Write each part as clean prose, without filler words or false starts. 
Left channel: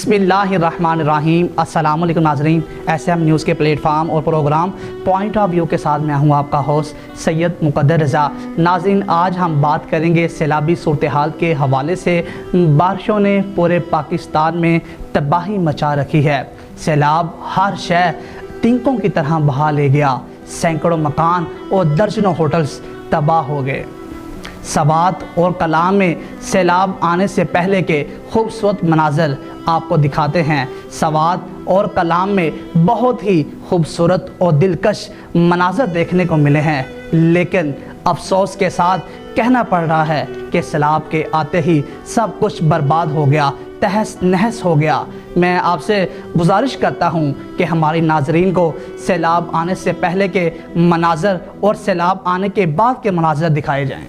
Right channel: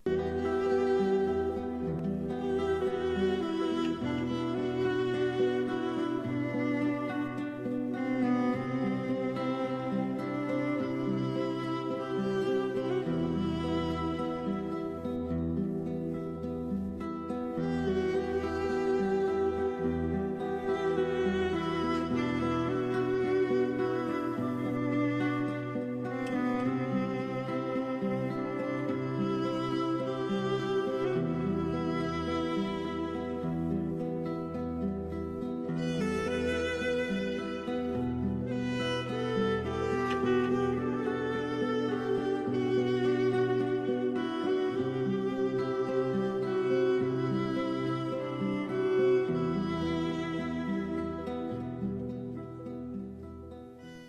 بسم اللہ الرحمن الرحیم۔ السلام علیکم ناظرین، ایس ایم نیوز کے پلیٹ فارم اور پروگرام پوائنٹ آف ویو کے ساتھ میں ہوں آپ کا ہوسٹ سید مقدر رضا۔ ناظرین، آج ہم بات کریں گے سیلابی صورتحال کے حوالے سے۔ بارشوں نے پورے پاکستان میں تباہی مچا رکھی ہے۔ سیلاب ہر شے تنکوں کی طرح بہا لے گیا۔ سینکڑوں مکان اور درجنوں ہوٹلز تباہ ہو گئے۔ سوات اور کلام میں سیلاب آنے سے پہلے کے خوبصورت مناظر آپ کو دکھاتے ہیں۔ سوات اور کلام میں بہت ہی خوبصورت اور دلکش مناظر دیکھنے کو ملے ہیں، لیکن افسوس کے ساتھ کہنا پڑ رہا ہے کہ سیلاب کے آتے ہی سب کچھ برباد ہو گیا، تہس نہس ہو گیا۔ میں آپ سے گزارش کرتا ہوں کہ ہماری ناظرین کو سیلاب آنے سے پہلے کے مناظر اور سیلاب آنے کے بعد کے مناظر دکھائے جائیں۔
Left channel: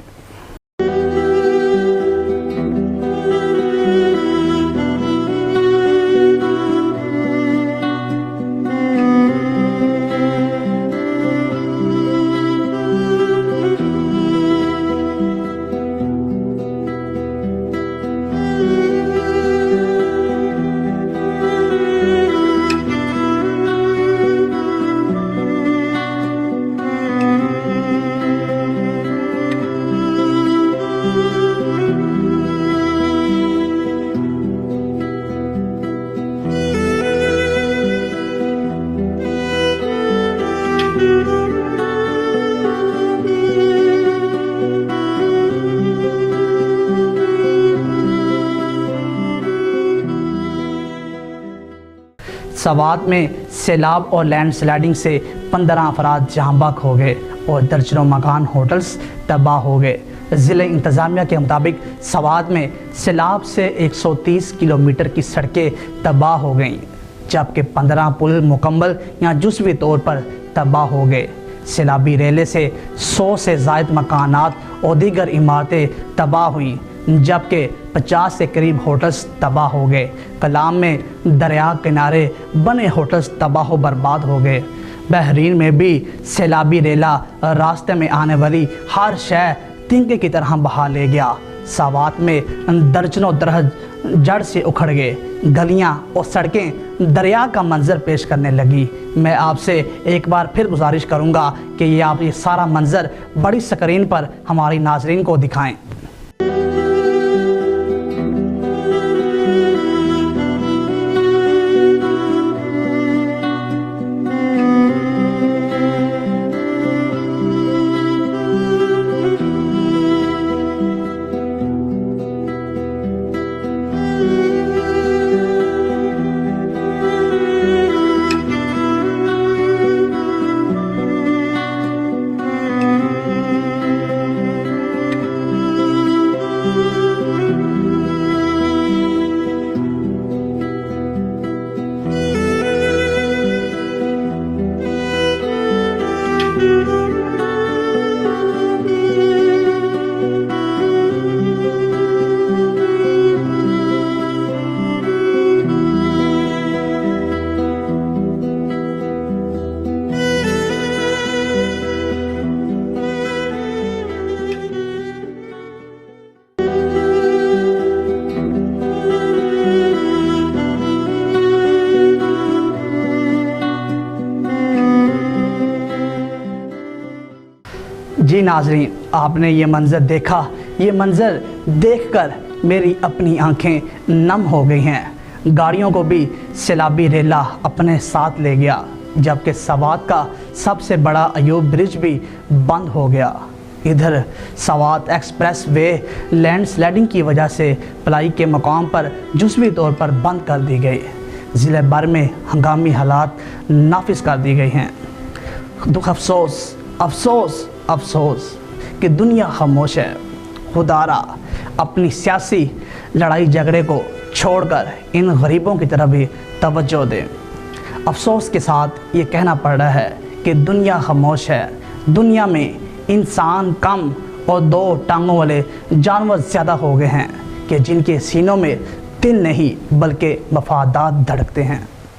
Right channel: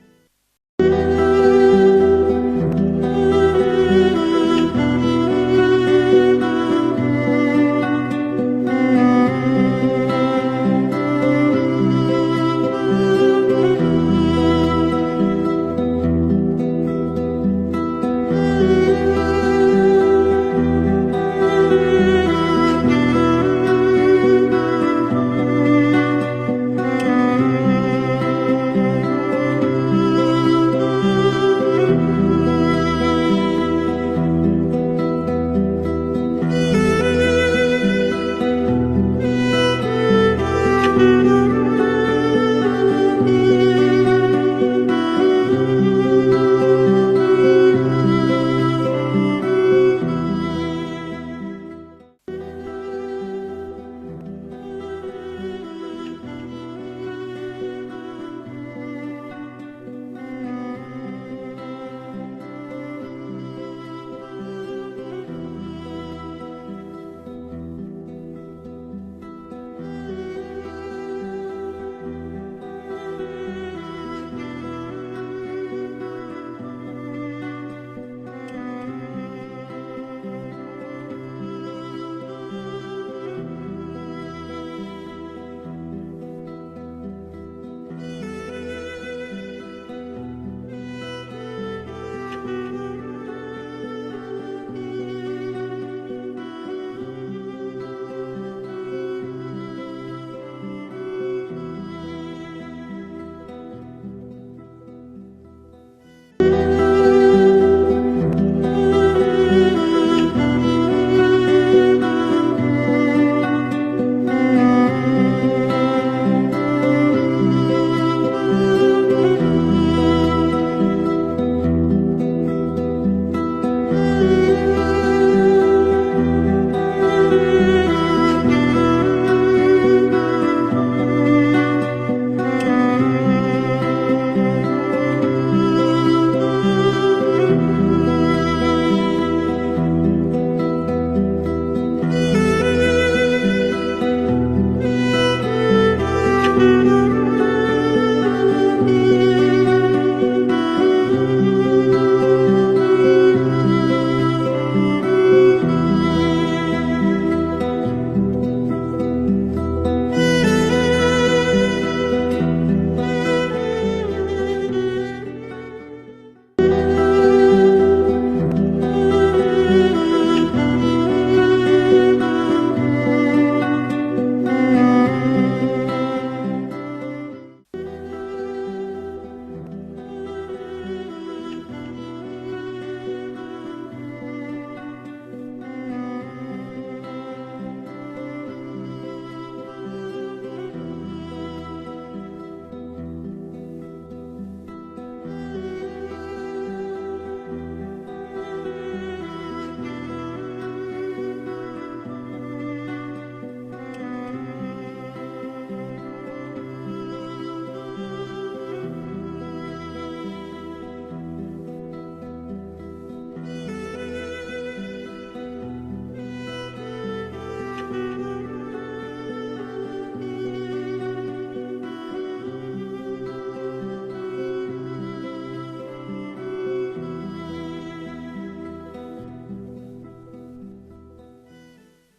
سوات میں سیلاب اور لینڈ سلائڈنگ سے 15 افراد جاں بحق ہو گئے اور درجنوں مکان ہوٹلز تباہ ہو گئے۔ ضلع انتظامیہ کے مطابق سوات میں سیلاب سے 130 کلومیٹر کی سڑکیں تباہ ہو گئیں، جبکہ 15 پل مکمل یا جزوی طور پر تباہ ہو گئے۔ سیلابی ریلے سے 100 سے زائد مکانات اور دیگر عمارتیں تباہ ہوئیں، جبکہ 50 سے قریب ہوٹلز تباہ ہو گئے۔ کلام میں دریا کنارے بنے ہوٹلز تباہ و برباد ہو گئے۔ بحرین میں بھی سیلابی ریلا راستے میں آنے والی ہر شے تنکے کی طرح بہا لے گیا۔ سوات میں درجنوں درخت جڑ سے اکھڑ گئے، گلیاں اور سڑکیں دریا کا منظر پیش کرنے لگی۔ میں آپ سے ایک بار پھر گزارش کروں گا کہ آپ یہ سارا منظر بڑی سکرین پر ہماری ناظرین کو دکھائیں۔ جی ناظرین، آپ نے یہ منظر دیکھا۔ یہ منظر دیکھ کر میری اپنی آنکھیں نم ہو گئی ہیں۔ گاڑیوں کو بھی سیلابی ریلا اپنے ساتھ لے گیا، جبکہ سوات کا سب سے بڑا ایوب برج بھی بند ہو گیا۔ ادھر Swat express way land sliding کی وجہ سے پلائی کے مقام پر جزوی طور پر بند کر دی گئی۔ ضلع بھر میں ہنگامی حالات نافذ کر دی گئی ہیں۔ دکھ افسوس افسوس افسوس کہ دنیا خاموش ہے۔ خدارا اپنی سیاسی لڑائی جھگڑے کو چھوڑ کر ان غریبوں کی طرف بھی توجہ دیں۔ افسوس کے ساتھ یہ کہنا پڑ رہا ہے کہ دنیا خاموش ہے۔ دنیا میں انسان کم اور 2 ٹانگوں والے جانور زیادہ ہو گئے ہیں کہ جن کے سینوں میں دل نہیں بلکہ مفادات دھڑکتے ہیں۔